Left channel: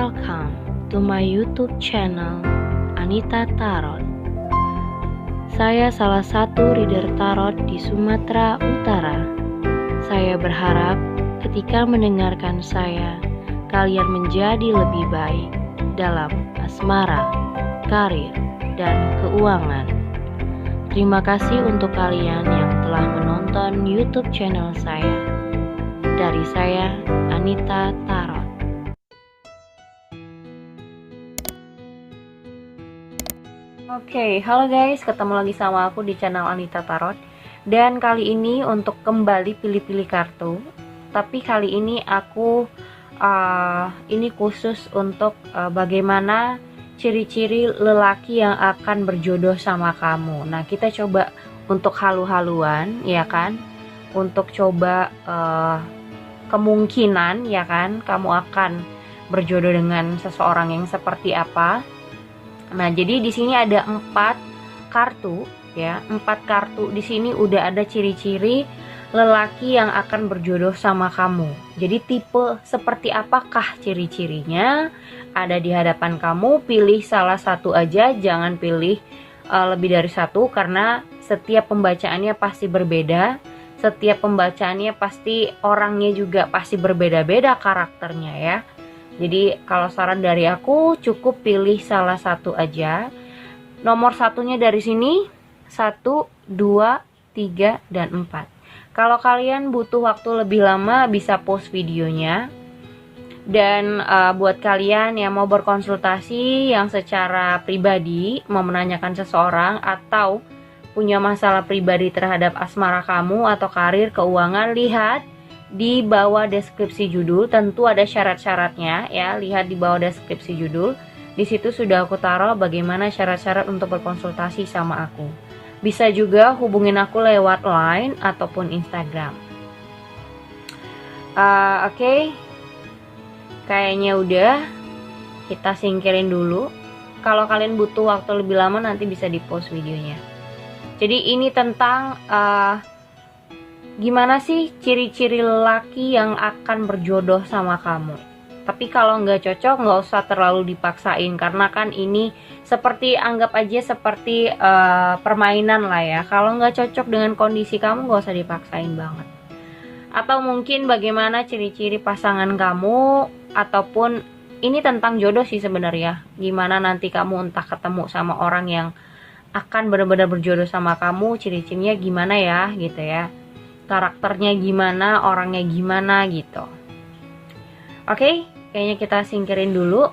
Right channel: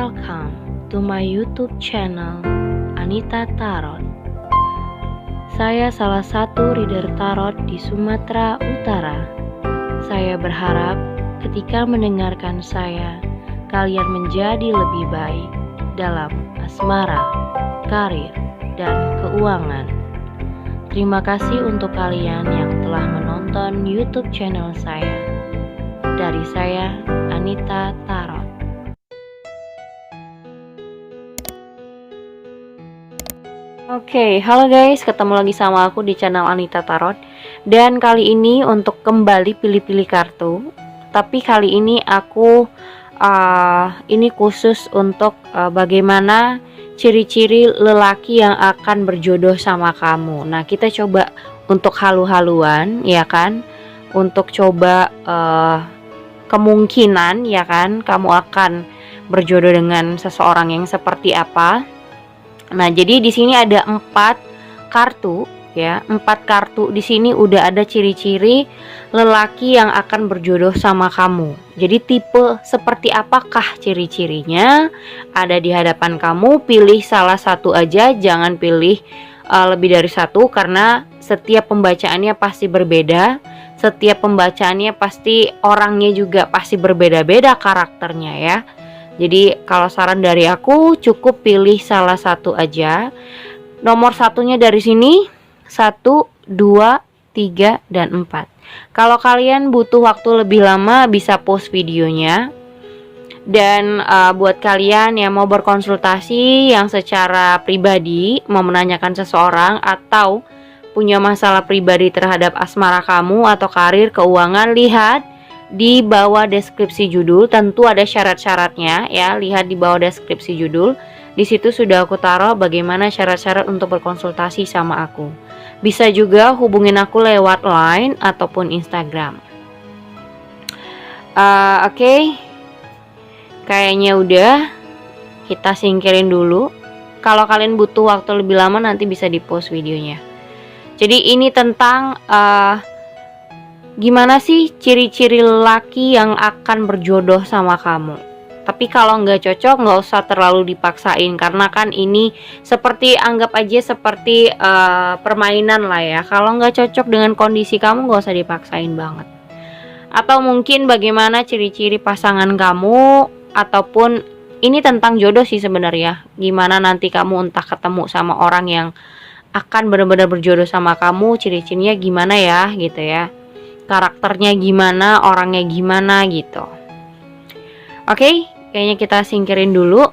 Welcome to my YouTube channel Anita Tarot. Saya salah satu reader tarot di Sumatera Utara. Saya berharap ketika mendengarkan saya, kalian menjadi lebih baik dalam asmara, karir, dan keuangan. Terima kasih untuk kalian yang telah menonton YouTube channel saya. Dari saya, Anita Tarot. Oke, halo guys, ketemu lagi sama aku di channel Anita Tarot. Dan kali ini untuk kembali pilih-pilih kartu. Tapi kali ini aku ini khusus untuk bagaimana ciri-ciri lelaki yang akan berjodoh sama kamu. Nah, kita coba untuk halu-haluan, ya kan? Untuk coba kemungkinan, ya kan, kamu akan berjodoh dengan seseorang yang seperti apa. Nah, jadi di sini ada 4 kartu, ya. 4 kartu di sini udah ada ciri-ciri lelaki yang akan berjodoh sama kamu. Jadi tipe seperti apakah ciri-cirinya ada di hadapan kamu. Pilih salah satu aja, jangan pilih lebih dari satu, karena setiap pembacaannya pasti berbeda. Setiap pembacaannya pasti orangnya juga pasti berbeda-beda karakternya, ya. Jadi kalau saran dari aku, cukup pilih salah satu aja. Nomor satunya dari sini 1, 2, 3, dan 4. Kalau kalian butuh waktu lebih lama, bisa pause videonya. Dan buat kalian yang mau berkonsultasi, yang secara pribadi mau menanyakan seseorang atau punya masalah pribadi terhadap asmara kamu atau karir, keuangan, lihat di bawah deskripsi judul. Tentu ada syarat-syaratnya, ya. Lihat di bawah deskripsi judul. Di situ sudah aku taruh bagaimana syarat-syarat untuk berkonsultasi sama aku. Bisa juga hubungin aku lewat line ataupun Instagram. Oke. Kayaknya udah. Kita singkirin dulu. Kalau kalian butuh waktu lebih lama, nanti bisa di post videonya. Jadi ini tentang gimana sih ciri-ciri lelaki yang akan berjodoh sama kamu. Tapi kalau nggak cocok, nggak usah terlalu dipaksain, karena kan ini seperti, anggap aja seperti permainan lah, ya. Kalau nggak cocok dengan kondisi kamu, nggak usah dipaksain banget. Atau mungkin bagaimana ciri-ciri pasangan kamu, ataupun ini tentang jodoh sih sebenarnya. Gimana nanti kamu entah ketemu sama orang yang akan benar-benar berjodoh sama kamu, ciri-cirinya gimana ya, gitu ya. Karakternya gimana, orangnya gimana gitu. Oke, kayaknya kita singkirin dulu.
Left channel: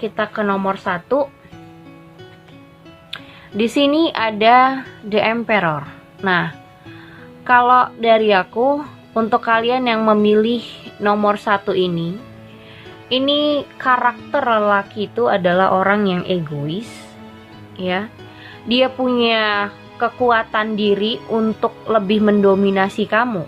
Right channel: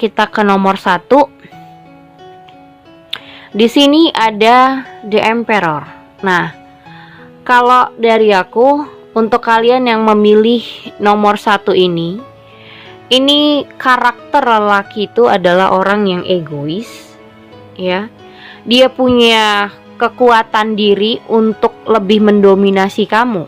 Kita ke nomor 1. Di sini ada The Emperor. Nah, kalau dari aku, untuk kalian yang memilih nomor 1 ini karakter lelaki itu adalah orang yang egois, ya. Dia punya kekuatan diri untuk lebih mendominasi kamu.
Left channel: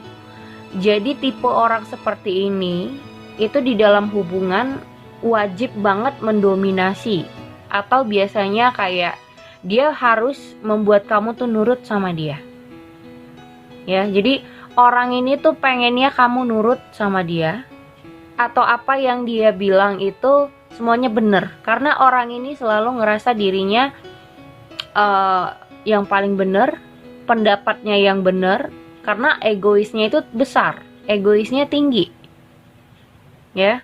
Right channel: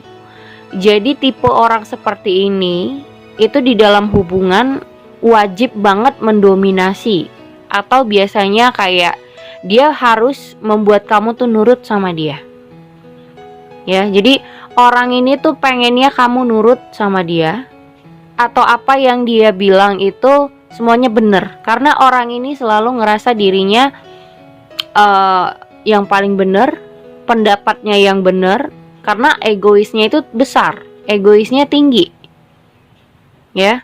Jadi tipe orang seperti ini itu di dalam hubungan wajib banget mendominasi, atau biasanya kayak dia harus membuat kamu tuh nurut sama dia. Ya, jadi orang ini tuh pengennya kamu nurut sama dia, atau apa yang dia bilang itu semuanya benar, karena orang ini selalu ngerasa dirinya yang paling benar, pendapatnya yang benar, karena egoisnya itu besar, egoisnya tinggi, ya.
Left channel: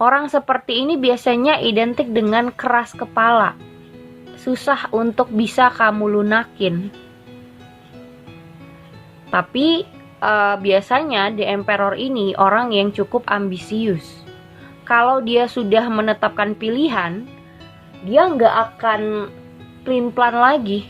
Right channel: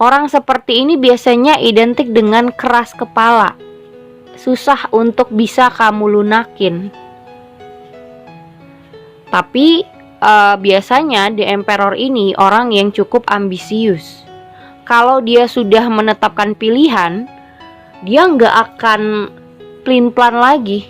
Orang seperti ini biasanya identik dengan keras kepala, susah untuk bisa kamu lunakin. Tapi biasanya The Emperor ini orang yang cukup ambisius. Kalau dia sudah menetapkan pilihan, dia nggak akan pelin-pelan lagi.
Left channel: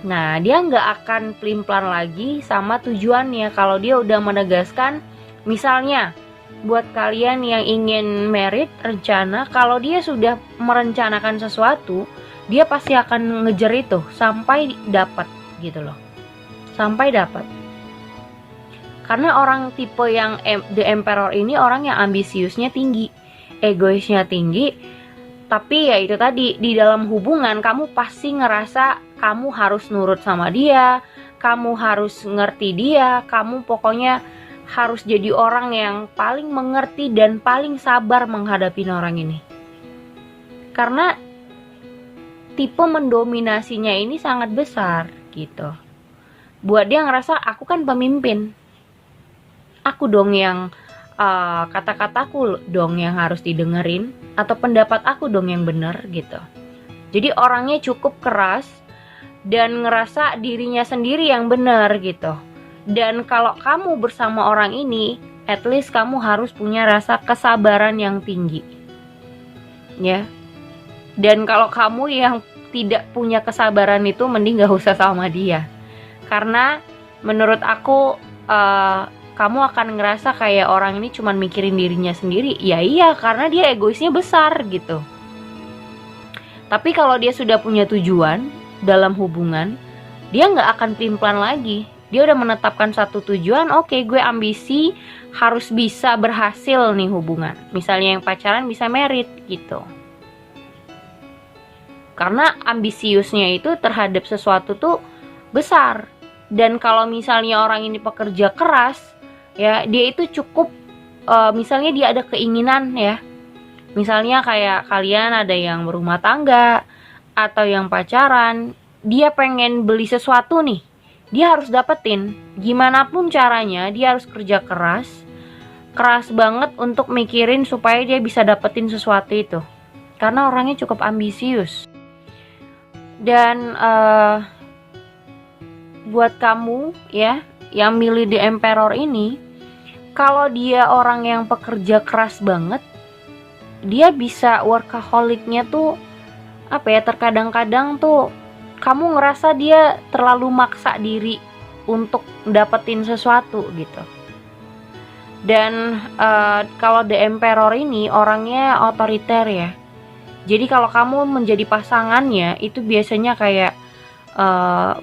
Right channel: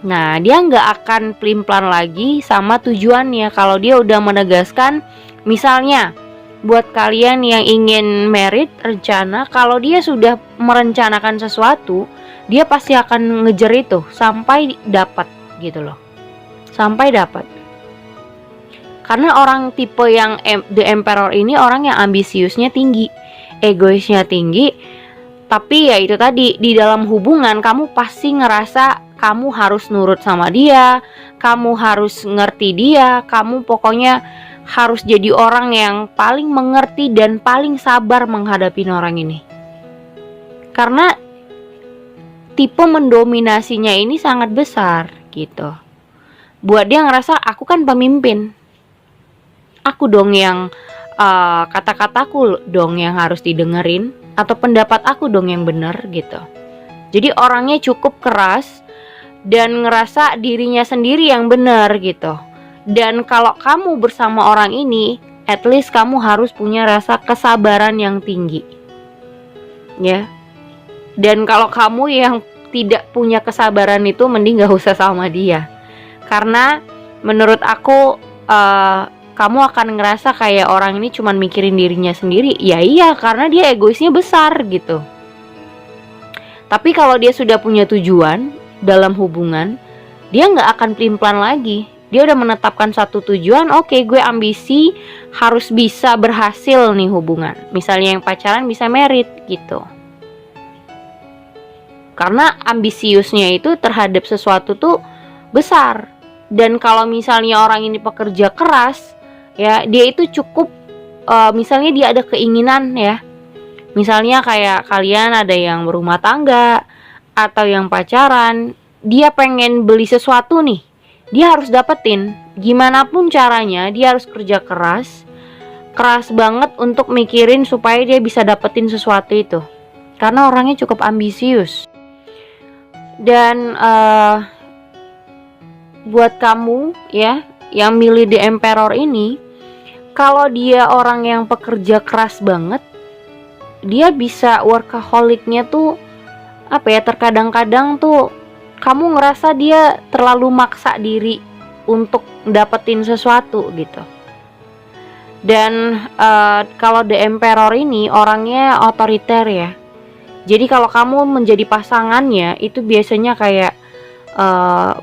Nah, dia nggak akan pelin-pelan lagi sama tujuannya. Kalau dia udah menegaskan, misalnya buat kalian yang ingin merit, rencana, kalau dia sudah merencanakan sesuatu, dia pasti akan ngejar itu sampai dapat, gitu loh. Sampai dapat. Karena orang tipe yang The Emperor ini orang yang ambisiusnya tinggi, egoisnya tinggi. Tapi ya itu tadi, di dalam hubungan kamu pasti ngerasa kamu harus nurut sama dia, kamu harus ngerti dia, kamu pokoknya harus jadi orang yang paling mengerti dan paling sabar menghadapi orang ini. Karena tipe mendominasinya ini sangat besar gitu. Buat dia ngerasa aku kan pemimpin, aku dong yang kata-kataku dong yang harus didengerin, atau pendapat aku dong yang benar gitu. Jadi orangnya cukup keras dan ngerasa dirinya sendiri yang benar gitu. Dan kalau kamu bersama orang ini, at least kamu harus punya rasa kesabaran yang tinggi, ya. Dan kalau kamu yang tidak punya kesabaran itu, mending gak usah sama dia. Karena menurut aku kamu akan ngerasa kayak orang ini cuma mikirin dirinya sendiri. Ya iya, karena dia egoisnya besar gitu. Tapi kalau dia sudah punya tujuan dalam hubungan, dia gak akan pelin-pelan lagi. Dia udah menetapkan satu tujuan, oke, gue ambisi harus bisa berhasil nih hubungan. Misalnya yang pacaran bisa merit gitu. Karena ambisiusnya itu terhadap sesuatu tuh besar. Dan kalau misalnya orang ini pekerja keras, ya dia itu cukup, misalnya dia ada keinginan ya, misalnya kayak kalian ada yang berumah tangga atau yang pacaran, dia pengen beli sesuatu nih, dia harus dapetin gimana pun caranya. Dia harus kerja keras banget untuk mikirin supaya dia bisa dapetin sesuatu itu, karena orangnya cukup ambisius. Dan buat kamu ya yang milih The Emperor ini, kalau dia orang yang pekerja keras banget, dia bisa workaholicnya tuh apa ya, terkadang-kadang tuh kamu ngerasa dia terlalu maksa diri untuk dapetin sesuatu gitu. Dan kalau The Emperor ini orangnya otoriter ya. Jadi kalau kamu menjadi pasangannya, itu biasanya kayak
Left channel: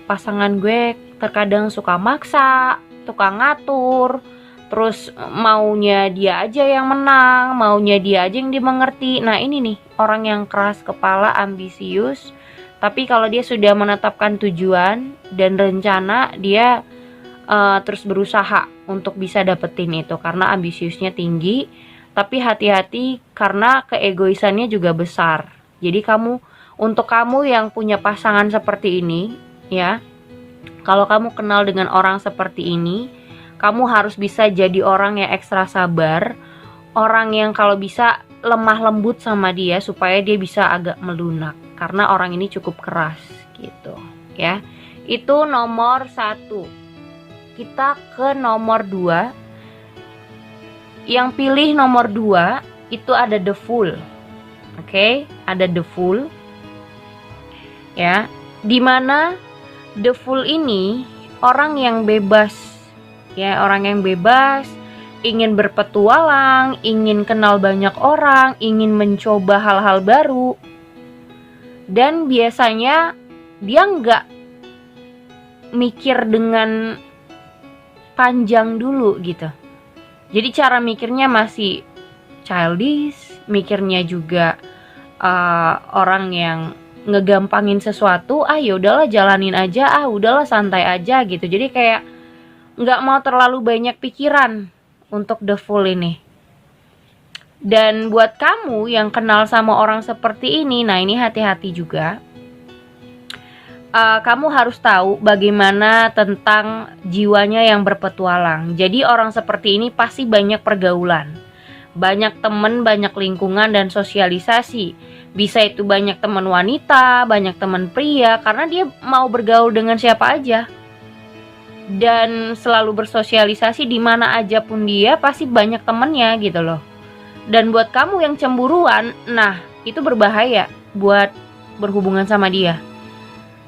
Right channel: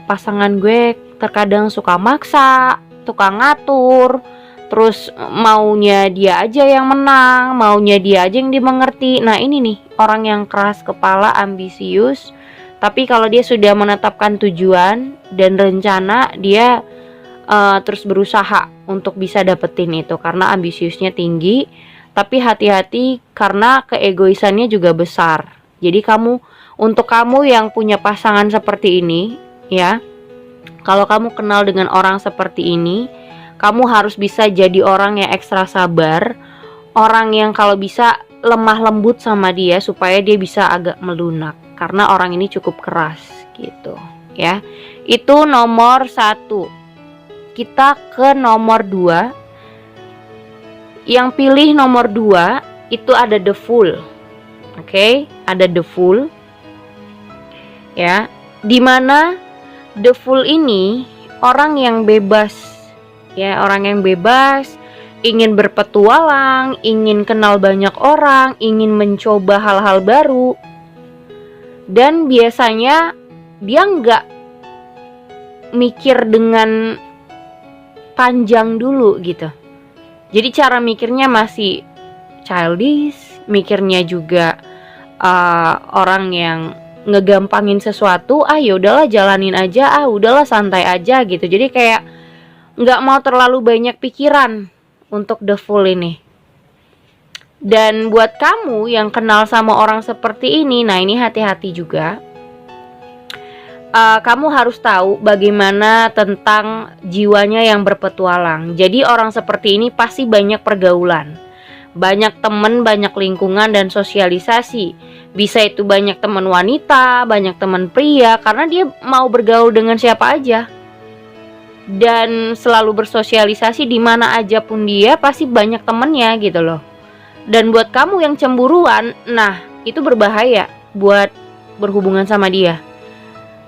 pasangan gue terkadang suka maksa, tukang ngatur, terus maunya dia aja yang menang, maunya dia aja yang dimengerti. Nah ini nih orang yang keras kepala, ambisius. Tapi kalau dia sudah menetapkan tujuan dan rencana, dia terus berusaha untuk bisa dapetin itu, karena ambisiusnya tinggi. Tapi hati-hati karena keegoisannya juga besar. Jadi untuk kamu yang punya pasangan seperti ini ya, kalau kamu kenal dengan orang seperti ini, kamu harus bisa jadi orang yang ekstra sabar, orang yang kalau bisa lemah lembut sama dia supaya dia bisa agak melunak, karena orang ini cukup keras gitu ya. Itu nomor 1. Kita ke nomor 2. Yang pilih nomor 2 itu ada The Fool. Oke, ada The Fool ya, dimana The Fool ini orang yang bebas ya, orang yang bebas, ingin berpetualang, ingin kenal banyak orang, ingin mencoba hal-hal baru. Dan biasanya dia nggak mikir dengan panjang dulu gitu. Jadi cara mikirnya masih childish, mikirnya juga orang yang ngegampangin sesuatu, ya udahlah jalanin aja, udahlah santai aja gitu. Jadi kayak nggak mau terlalu banyak pikiran untuk The Fool ini. Dan buat kamu yang kenal sama orang seperti ini, nah ini hati-hati juga. Kamu harus tahu bagaimana tentang jiwanya yang berpetualang. Jadi orang seperti ini pasti banyak pergaulan, banyak temen, banyak lingkungan dan sosialisasi. Bisa itu banyak teman wanita, banyak teman pria, karena dia mau bergaul dengan siapa aja. Dan selalu bersosialisasi di mana aja pun dia pasti banyak temennya gitu loh. Dan buat kamu yang cemburuan, nah itu berbahaya buat berhubungan sama dia.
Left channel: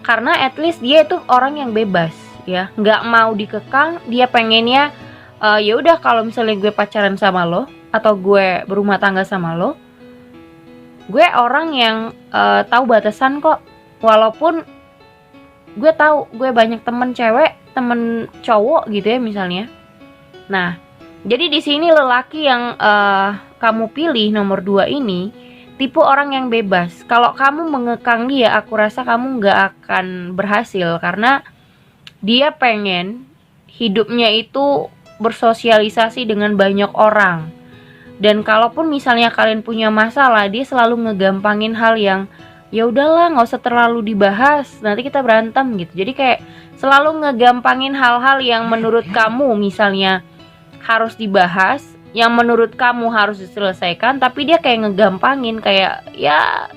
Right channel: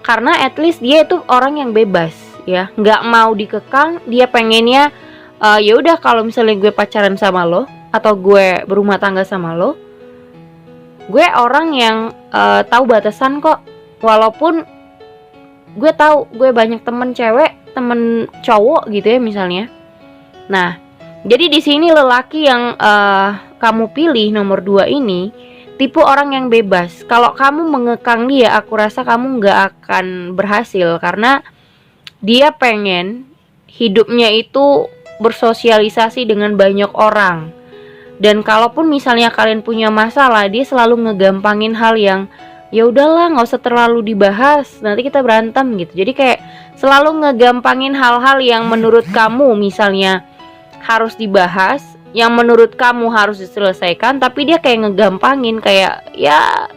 Karena at least dia itu orang yang bebas ya, nggak mau dikekang. Dia pengennya ya udah, kalau misalnya gue pacaran sama lo atau gue berumah tangga sama lo, gue orang yang tahu batasan kok. Walaupun gue tahu gue banyak temen cewek, temen cowok gitu ya misalnya. Nah, jadi di sini lelaki yang kamu pilih nomor 2 ini tipe orang yang bebas. Kalau kamu mengekang dia, aku rasa kamu nggak akan berhasil, karena dia pengen hidupnya itu bersosialisasi dengan banyak orang. Dan kalaupun misalnya kalian punya masalah, dia selalu ngegampangin hal yang ya udahlah nggak usah terlalu dibahas, nanti kita berantem gitu. Jadi kayak selalu ngegampangin hal-hal yang menurut kamu misalnya harus dibahas, yang menurut kamu harus diselesaikan, tapi dia kayak ngegampangin, kayak ya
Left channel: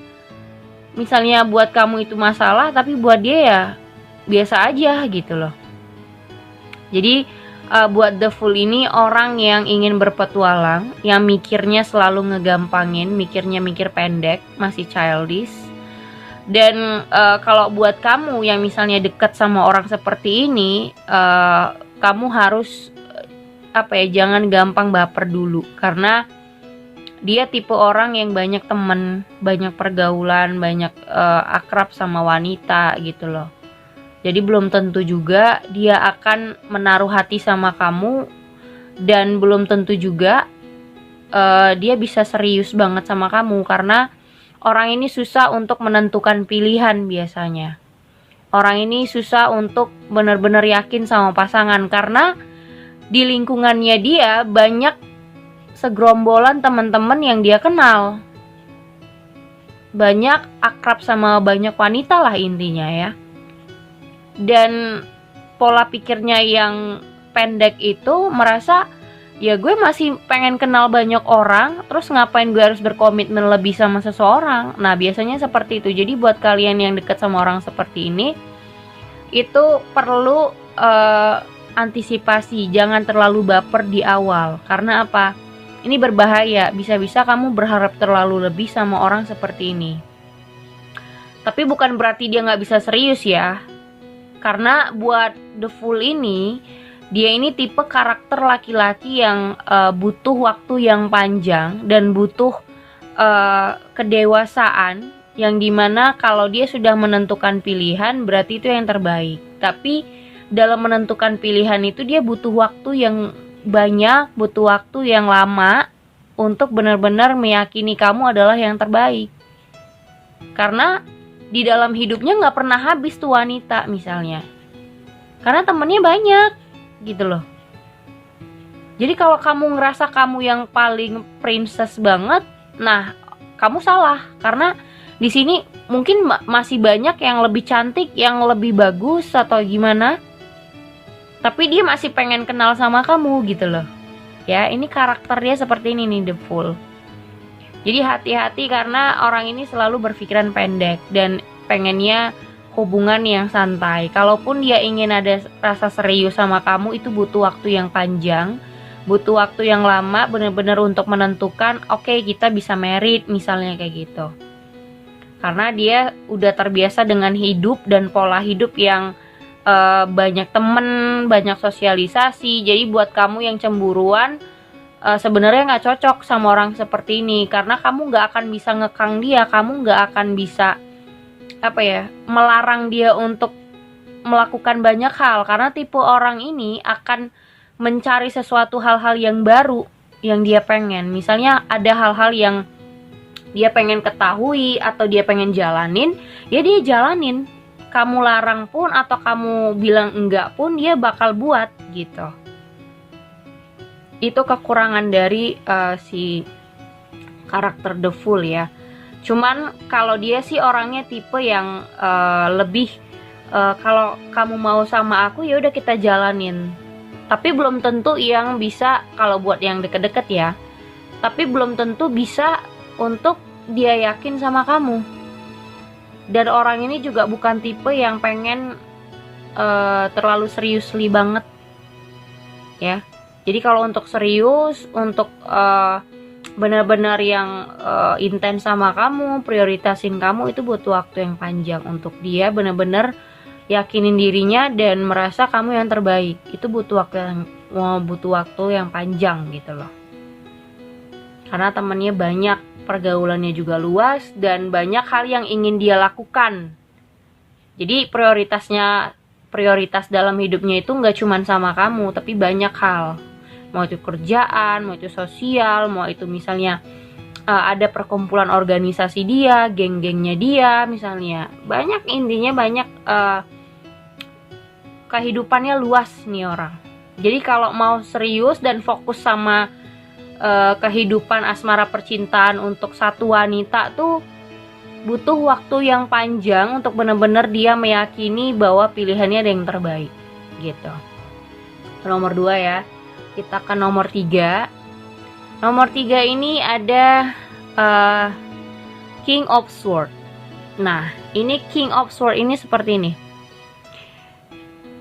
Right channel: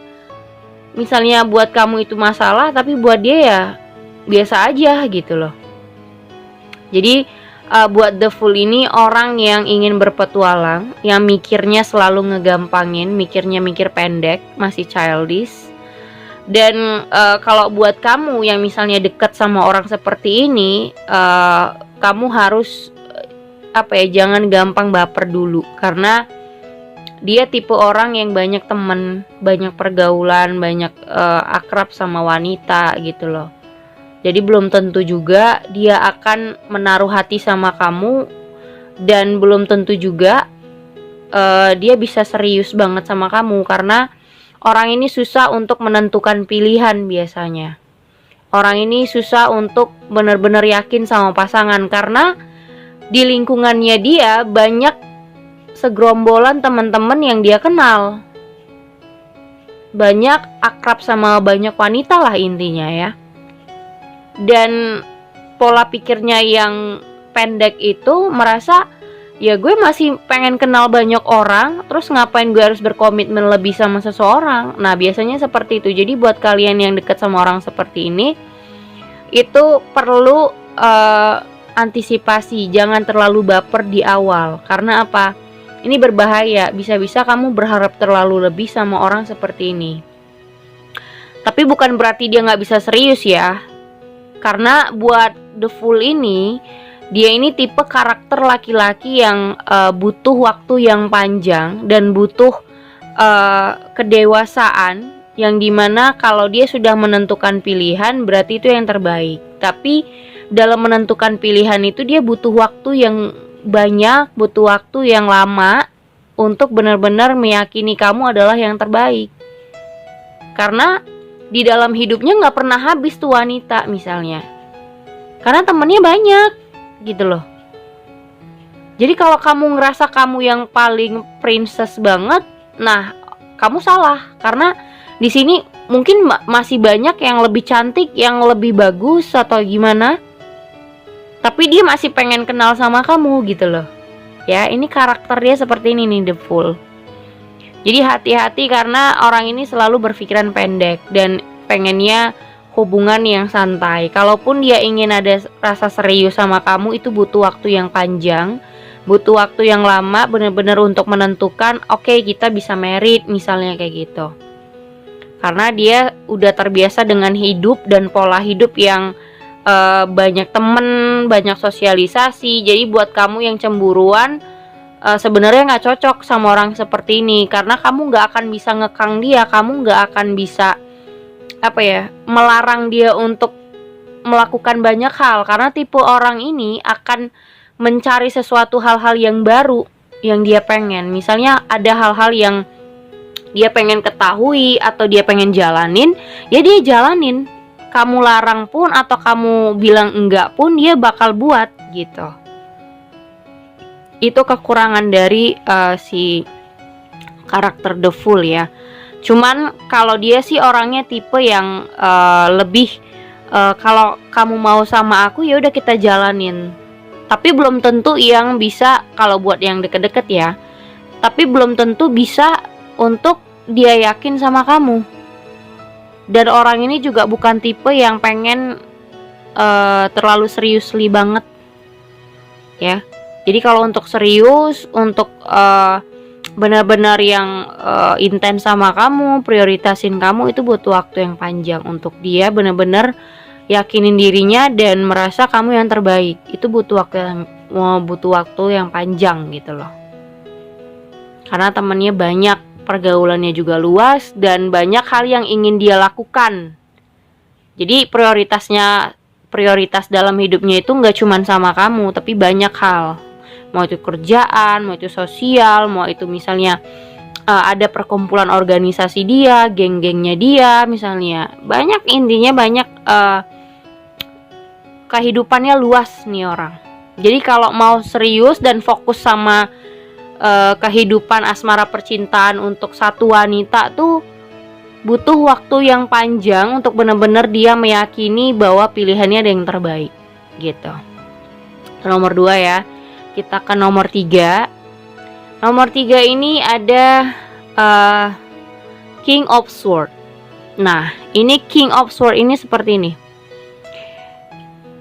misalnya buat kamu itu masalah, tapi buat dia ya biasa aja gitu loh. Jadi buat The Fool ini orang yang ingin berpetualang, yang mikirnya selalu ngegampangin, mikirnya mikir pendek, masih childish. Dan kalau buat kamu yang misalnya deket sama orang seperti ini, kamu harus jangan gampang baper dulu, karena dia tipe orang yang banyak temen, banyak pergaulan, banyak akrab sama wanita gitu loh. Jadi belum tentu juga dia akan menaruh hati sama kamu, dan belum tentu juga dia bisa serius banget sama kamu, karena orang ini susah untuk menentukan pilihan biasanya. Orang ini susah untuk benar-benar yakin sama pasangan, karena di lingkungannya dia banyak segerombolan teman-teman yang dia kenal. Banyak akrab sama banyak wanita lah intinya ya. Dan pola pikirnya yang pendek itu merasa ya gue masih pengen kenal banyak orang, terus ngapain gue harus berkomitmen lebih sama seseorang. Nah biasanya seperti itu. Jadi buat kalian yang dekat sama orang seperti ini, itu perlu antisipasi, jangan terlalu baper di awal. Karena apa? Ini berbahaya, bisa-bisa kamu berharap terlalu lebih sama orang seperti ini. Tapi bukan berarti dia gak bisa serius ya. Karena buat The Fool ini, dia ini tipe karakter laki-laki yang butuh waktu yang panjang dan butuh kedewasaan, yang dimana kalau dia sudah menentukan pilihan berarti itu yang terbaik. Tapi dalam menentukan pilihan itu dia butuh waktu yang banyak, butuh waktu yang lama untuk benar-benar meyakini kamu adalah yang terbaik. Karena di dalam hidupnya gak pernah habis tuh wanita misalnya, karena temennya banyak gitu loh. Jadi kalau kamu ngerasa kamu yang paling princess banget, nah kamu salah. Karena di sini mungkin masih banyak yang lebih cantik, yang lebih bagus atau gimana, tapi dia masih pengen kenal sama kamu gitu loh. Ya ini karakter dia seperti ini nih, The Fool. Jadi hati-hati, karena orang ini selalu berpikiran pendek dan pengennya hubungan yang santai. Kalaupun dia ingin ada rasa serius sama kamu, itu butuh waktu yang panjang, butuh waktu yang lama, benar-benar untuk menentukan oke, kita bisa married misalnya kayak gitu. Karena dia udah terbiasa dengan hidup dan pola hidup yang banyak temen, banyak sosialisasi. Jadi buat kamu yang cemburuan, sebenarnya nggak cocok sama orang seperti ini, karena kamu nggak akan bisa ngekang dia, kamu nggak akan bisa melarang dia untuk melakukan banyak hal, karena tipe orang ini akan mencari sesuatu hal-hal yang baru yang dia pengen. Misalnya ada hal-hal yang dia pengen ketahui atau dia pengen jalanin, ya dia jalanin. Kamu larang pun atau kamu bilang enggak pun, dia bakal buat gitu. Itu kekurangan dari si karakter The Fool ya. Cuman kalau dia sih orangnya tipe yang lebih kalau kamu mau sama aku ya udah kita jalanin. Tapi belum tentu yang bisa, kalau buat yang deket-deket ya, tapi belum tentu bisa untuk dia yakin sama kamu. Dan orang ini juga bukan tipe yang pengen terlalu seriously banget ya. Jadi kalau untuk serius, untuk benar-benar yang intens sama kamu, prioritasin kamu, itu butuh waktu yang panjang. Untuk dia benar-benar yakinin dirinya dan merasa kamu yang terbaik, itu butuh waktu yang panjang gitu loh. Karena temannya banyak, pergaulannya juga luas, dan banyak hal yang ingin dia lakukan. Jadi prioritas dalam hidupnya itu nggak cuma sama kamu, tapi banyak hal. Mau itu kerjaan, mau itu sosial, mau itu misalnya ada perkumpulan organisasi dia, geng-gengnya dia misalnya. Banyak, intinya banyak, kehidupannya luas nih orang. Jadi kalau mau serius dan fokus sama kehidupan asmara percintaan untuk satu wanita tuh butuh waktu yang panjang untuk benar-benar dia meyakini bahwa pilihannya ada yang terbaik gitu. Nomor 2 ya. Kita ke nomor 3. Nomor 3 ini ada King of Sword. Nah, ini King of Sword ini seperti ini.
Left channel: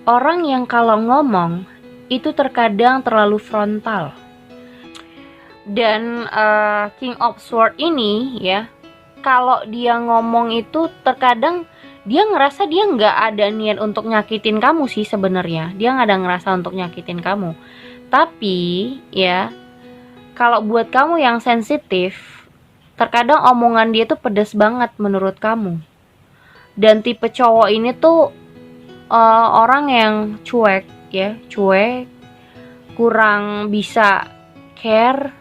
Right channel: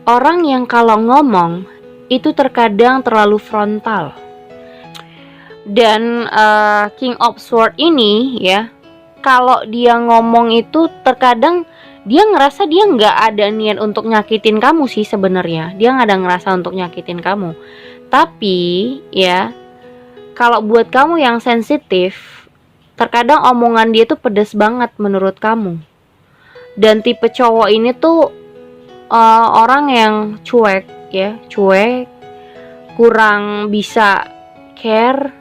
Orang yang kalau ngomong itu terkadang terlalu frontal. Dan King of Sword ini ya, kalau dia ngomong itu terkadang dia ngerasa dia nggak ada niat untuk nyakitin kamu sih sebenarnya. Dia nggak ada ngerasa untuk nyakitin kamu. Tapi ya, kalau buat kamu yang sensitif, terkadang omongan dia tuh pedas banget menurut kamu. Dan tipe cowok ini tuh orang yang cuek ya, cuek, kurang bisa care.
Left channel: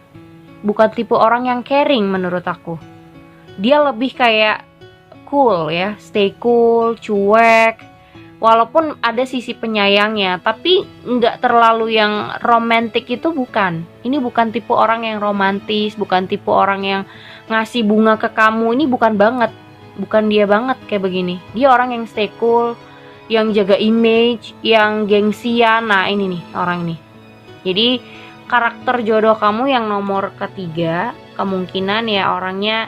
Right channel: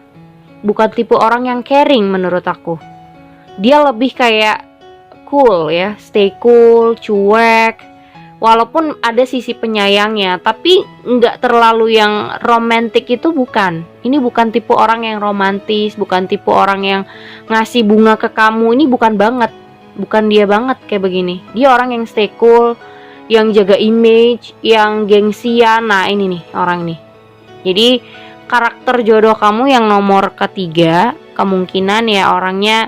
Bukan tipe orang yang caring menurut aku. Dia lebih kayak cool ya, stay cool, cuek. Walaupun ada sisi penyayangnya, tapi nggak terlalu yang romantis itu bukan. Ini bukan tipe orang yang romantis, bukan tipe orang yang ngasih bunga ke kamu. Ini bukan banget, bukan dia banget kayak begini. Dia orang yang stay cool, yang jaga image, yang gengsian. Nah ini nih orang ini. Jadi karakter jodoh kamu yang nomor ketiga kemungkinan ya orangnya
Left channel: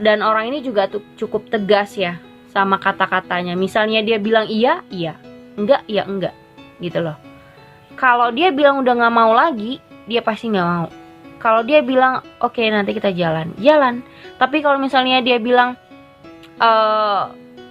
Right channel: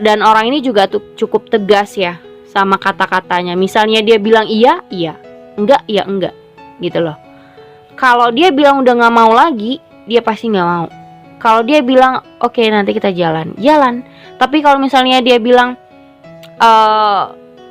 dan orang ini juga cukup tegas ya sama kata-katanya. Misalnya dia bilang iya, iya, enggak, ya enggak gitu loh. Kalau dia bilang udah gak mau lagi, dia pasti gak mau. Kalau dia bilang oke, nanti kita jalan, jalan. Tapi kalau misalnya dia bilang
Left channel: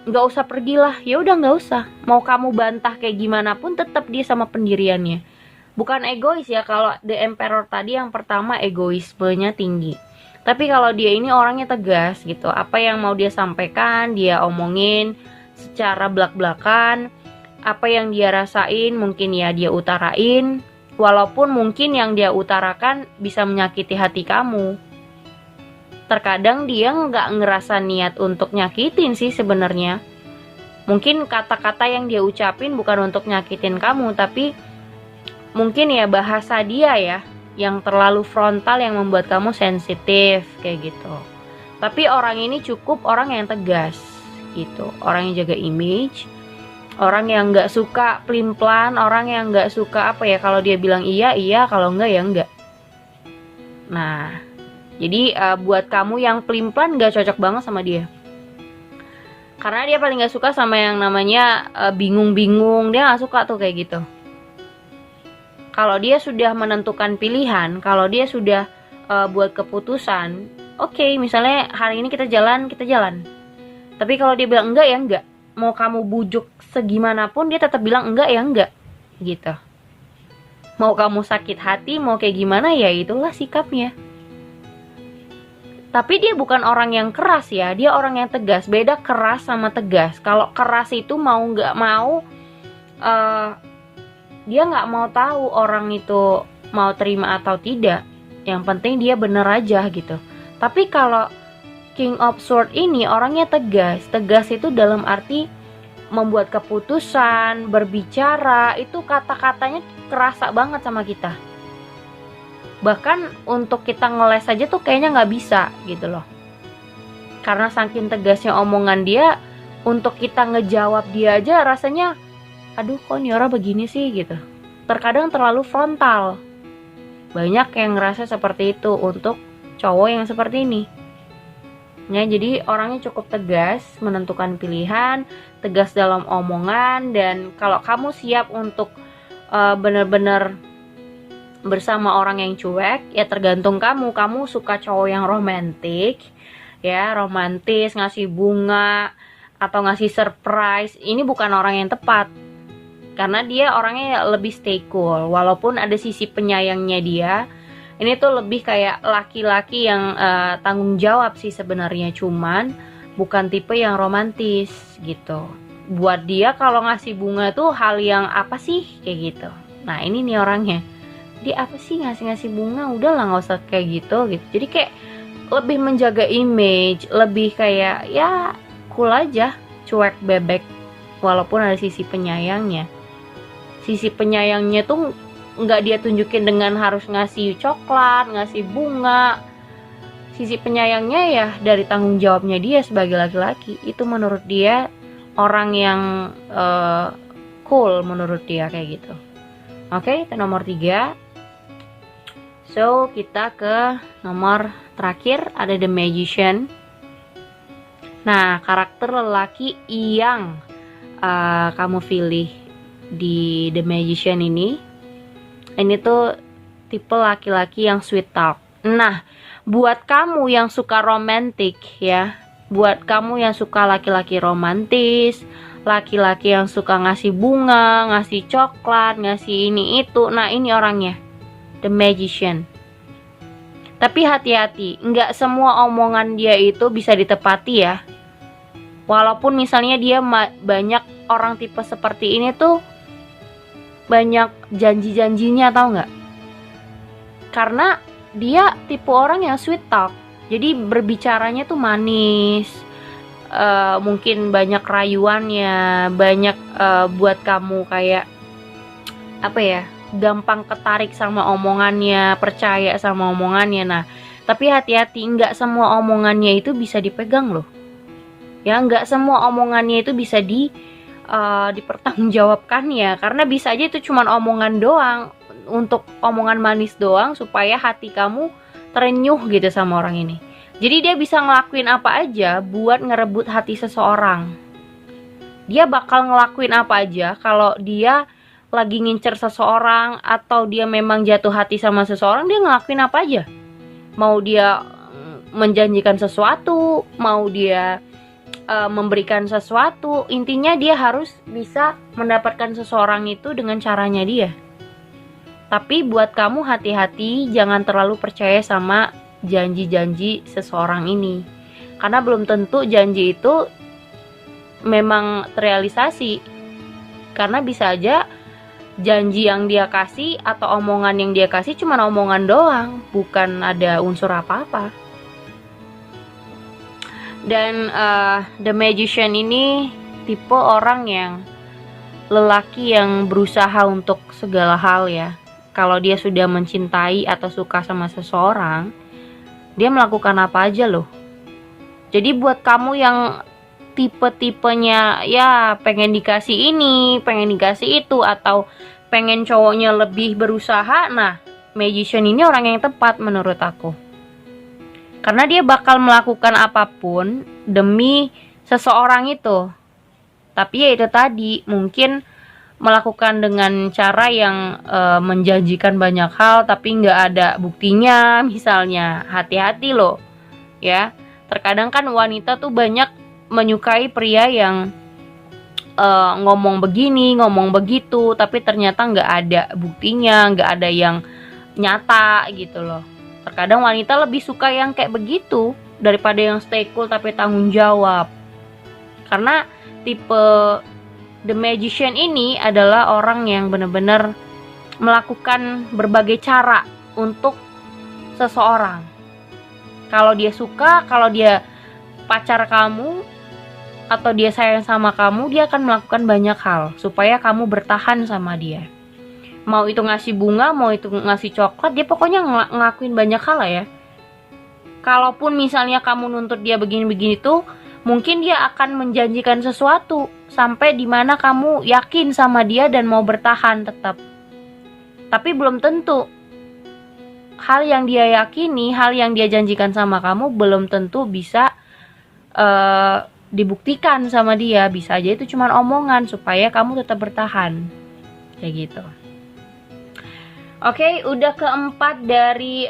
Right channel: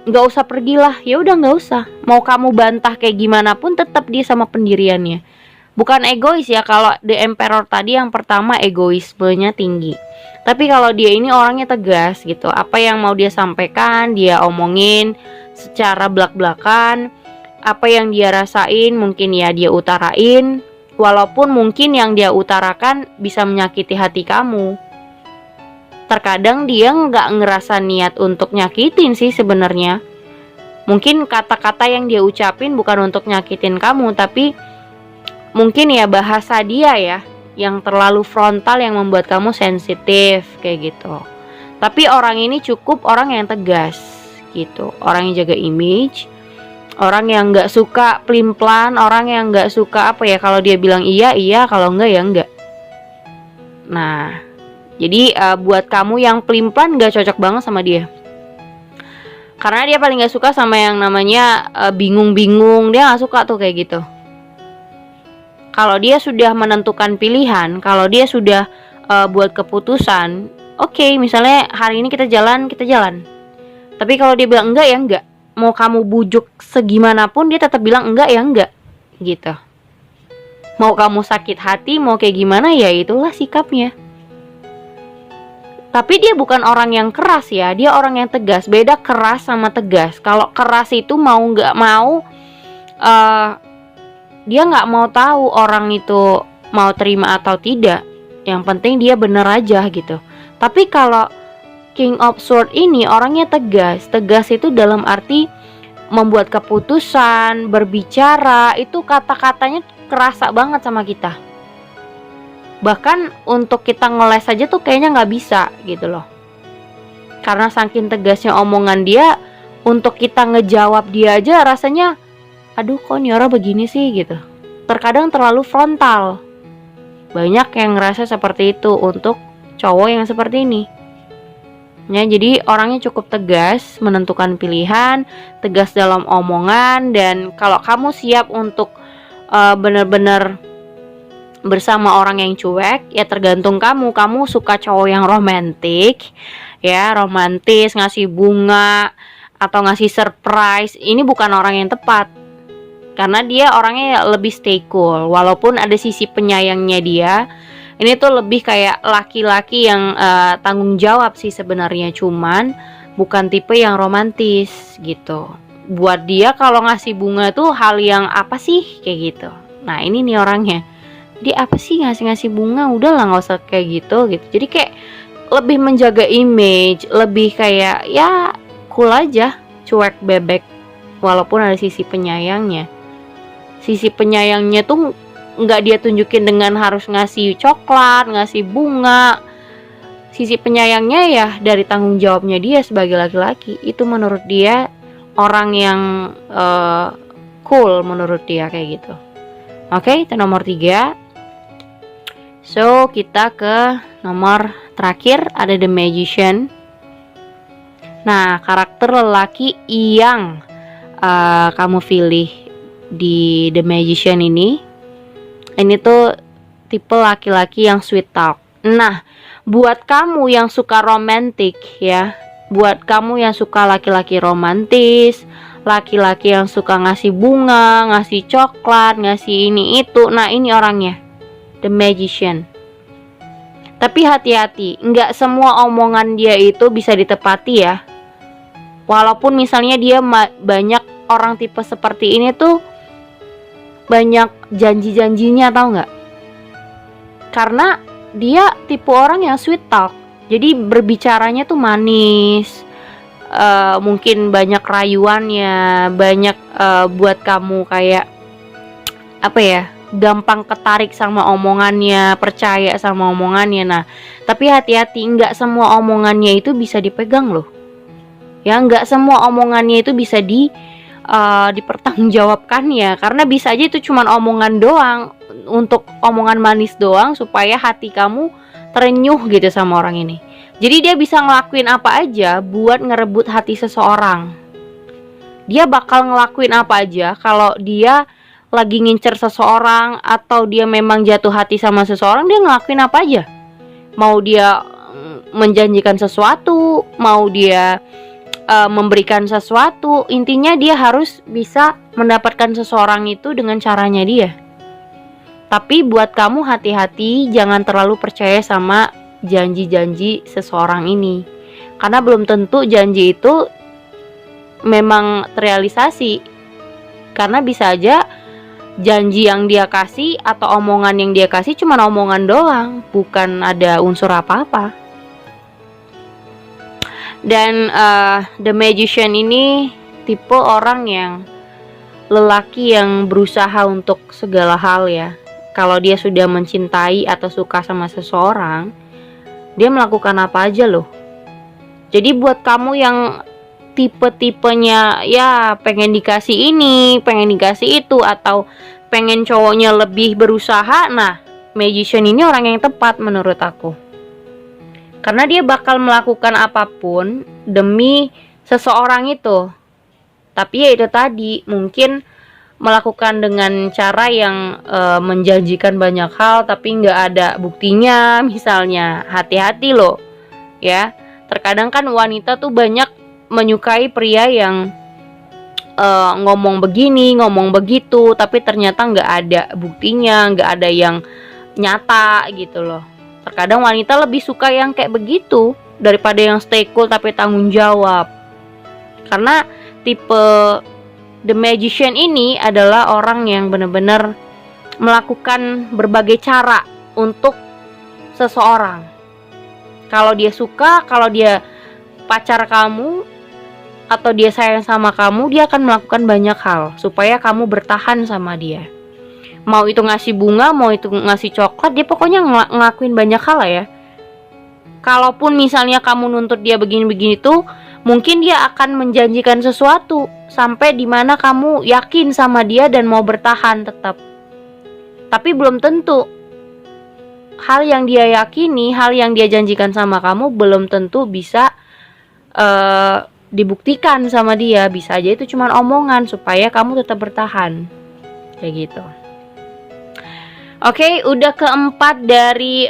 gak usah pergilah, ya udah gak usah. Mau kamu bantah kayak gimana pun tetap dia sama pendiriannya. Bukan egois ya, kalau The Emperor tadi yang pertama egoismenya tinggi. Tapi kalau dia ini orangnya tegas gitu. Apa yang mau dia sampaikan, dia omongin secara belak-belakan. Apa yang dia rasain mungkin ya dia utarain. Walaupun mungkin yang dia utarakan bisa menyakiti hati kamu. Terkadang dia nggak ngerasa niat untuk nyakitin sih sebenarnya. Mungkin kata-kata yang dia ucapin bukan untuk nyakitin kamu, tapi mungkin ya bahasa dia ya yang terlalu frontal yang membuat kamu sensitif kayak gitu. Tapi orang ini cukup orang yang tegas gitu, orang yang jaga image, orang yang nggak suka pelin-pelan, orang yang nggak suka apa ya, kalau dia bilang iya iya, kalau enggak ya enggak. Nah jadi buat kamu yang pelin-pelan nggak cocok banget sama dia, karena dia paling nggak suka sama yang namanya bingung-bingung. Dia nggak suka tuh kayak gitu. Kalau dia sudah menentukan pilihan, kalau dia sudah buat keputusan, oke, misalnya hari ini kita jalan, kita jalan. Tapi kalau dia bilang enggak ya enggak. Mau kamu bujuk segimanapun dia tetap bilang enggak ya enggak. Gitu. Mau kamu sakit hati, mau kayak gimana ya itulah sikapnya. Tapi dia bukan orang yang keras ya, dia orang yang tegas. Beda keras sama tegas. Kalau keras itu mau nggak mau dia nggak mau tahu orang itu mau terima atau tidak. Yang penting dia bener aja gitu. Tapi kalau King of Sword ini orangnya tegas. Tegas itu dalam arti membuat keputusan, berbicara, itu kata-katanya kerasa banget sama kita. Bahkan untuk kita ngeles aja tuh kayaknya nggak bisa gitu loh. Karena saking tegasnya omongan dia, untuk kita ngejawab dia aja rasanya aduh kok nih orang begini sih gitu. Terkadang terlalu frontal. Banyak yang ngerasa seperti itu untuk cowok yang seperti ini ya. Jadi orangnya cukup tegas menentukan pilihan, tegas dalam omongan. Dan kalau kamu siap untuk benar-benar bersama orang yang cuek, ya tergantung kamu. Kamu suka cowok yang romantis ya, romantis, ngasih bunga atau ngasih surprise. Ini bukan orang yang tepat, karena dia orangnya lebih stay cool. Walaupun ada sisi penyayangnya dia, ini tuh lebih kayak laki-laki yang tanggung jawab sih sebenarnya. Cuman bukan tipe yang romantis gitu. Buat dia kalau ngasih bunga tuh hal yang apa sih kayak gitu. Nah ini nih orangnya, dia apa sih ngasih bunga, udahlah nggak usah kayak gitu. Jadi kayak lebih menjaga image, lebih kayak ya cool aja, cuek bebek, walaupun ada sisi penyayangnya. Sisi penyayangnya tuh nggak dia tunjukin dengan harus ngasih coklat, ngasih bunga. Sisi penyayangnya ya dari tanggung jawabnya dia sebagai laki-laki. Itu menurut dia orang yang cool, menurut dia kayak gitu. Oke, itu nomor 3. So, kita ke nomor terakhir, ada The Magician. Nah, karakter lelaki yang kamu pilih di The Magician ini tuh tipe laki-laki yang sweet talk. Nah, buat kamu yang suka romantis ya, buat kamu yang suka laki-laki romantis, laki-laki yang suka ngasih bunga, ngasih coklat, ngasih ini itu, nah ini orangnya, The Magician. Tapi hati-hati, nggak semua omongan dia itu bisa ditepati ya. Walaupun misalnya dia banyak orang tipe seperti ini tuh banyak janji-janjinya, tahu nggak? Karena dia tipe orang yang sweet talk, jadi berbicaranya tuh manis, mungkin banyak rayuannya, banyak buat kamu kayak apa ya, gampang ketarik sama omongannya, percaya sama omongannya. Nah, tapi hati-hati, nggak semua omongannya itu bisa dipegang loh. Ya, nggak semua omongannya itu bisa dipertanggungjawabkan ya, karena bisa aja itu cuma omongan doang, untuk omongan manis doang supaya hati kamu terenyuh gitu sama orang ini. Jadi dia bisa ngelakuin apa aja buat ngerebut hati seseorang. Dia bakal ngelakuin apa aja kalau dia lagi ngincer seseorang atau dia memang jatuh hati sama seseorang, dia ngelakuin apa aja. Mau dia menjanjikan sesuatu, mau dia memberikan sesuatu, intinya dia harus bisa mendapatkan seseorang itu dengan caranya dia. Tapi buat kamu hati-hati, jangan terlalu percaya sama janji-janji seseorang ini, karena belum tentu janji itu memang terrealisasi. Karena bisa aja janji yang dia kasih atau omongan yang dia kasih cuma omongan doang, bukan ada unsur apa-apa. Dan The Magician ini tipe orang yang lelaki yang berusaha untuk segala hal ya. Kalau dia sudah mencintai atau suka sama seseorang, dia melakukan apa aja loh. Jadi buat kamu yang tipe-tipenya ya pengen dikasih ini, pengen dikasih itu, atau pengen cowoknya lebih berusaha, nah Magician ini orang yang tepat menurut aku. Karena dia bakal melakukan apapun demi seseorang itu. Tapi ya itu tadi, mungkin melakukan dengan cara yang menjanjikan banyak hal tapi nggak ada buktinya misalnya. Hati-hati loh ya. Terkadang kan wanita tuh banyak menyukai pria yang ngomong begini, ngomong begitu, tapi ternyata nggak ada buktinya, nggak ada yang nyata gitu loh. Terkadang wanita lebih suka yang kayak begitu daripada yang stay cool tapi tanggung jawab. Karena tipe The Magician ini adalah orang yang benar-benar melakukan berbagai cara untuk seseorang. Kalau dia suka, kalau dia pacar kamu atau dia sayang sama kamu, dia akan melakukan banyak hal supaya kamu bertahan sama dia. Mau itu ngasih bunga, mau itu ngasih coklat, dia pokoknya ngelakuin banyak hal lah ya. Kalaupun misalnya kamu nuntut dia begini-begini tuh, mungkin dia akan menjanjikan sesuatu sampai dimana kamu yakin sama dia dan mau bertahan tetap. Tapi belum tentu hal yang dia yakini, hal yang dia janjikan sama kamu belum tentu bisa dibuktikan sama dia. Bisa aja itu cuma omongan supaya kamu tetap bertahan. Kayak gitu. Oke, udah keempat dari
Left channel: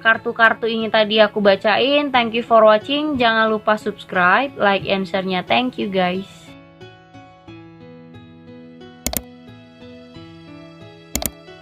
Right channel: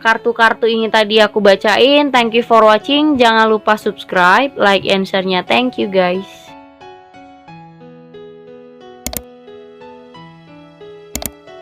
kartu-kartu ini tadi aku bacain. Thank you for watching. Jangan lupa subscribe, like, and share-nya. Thank you guys.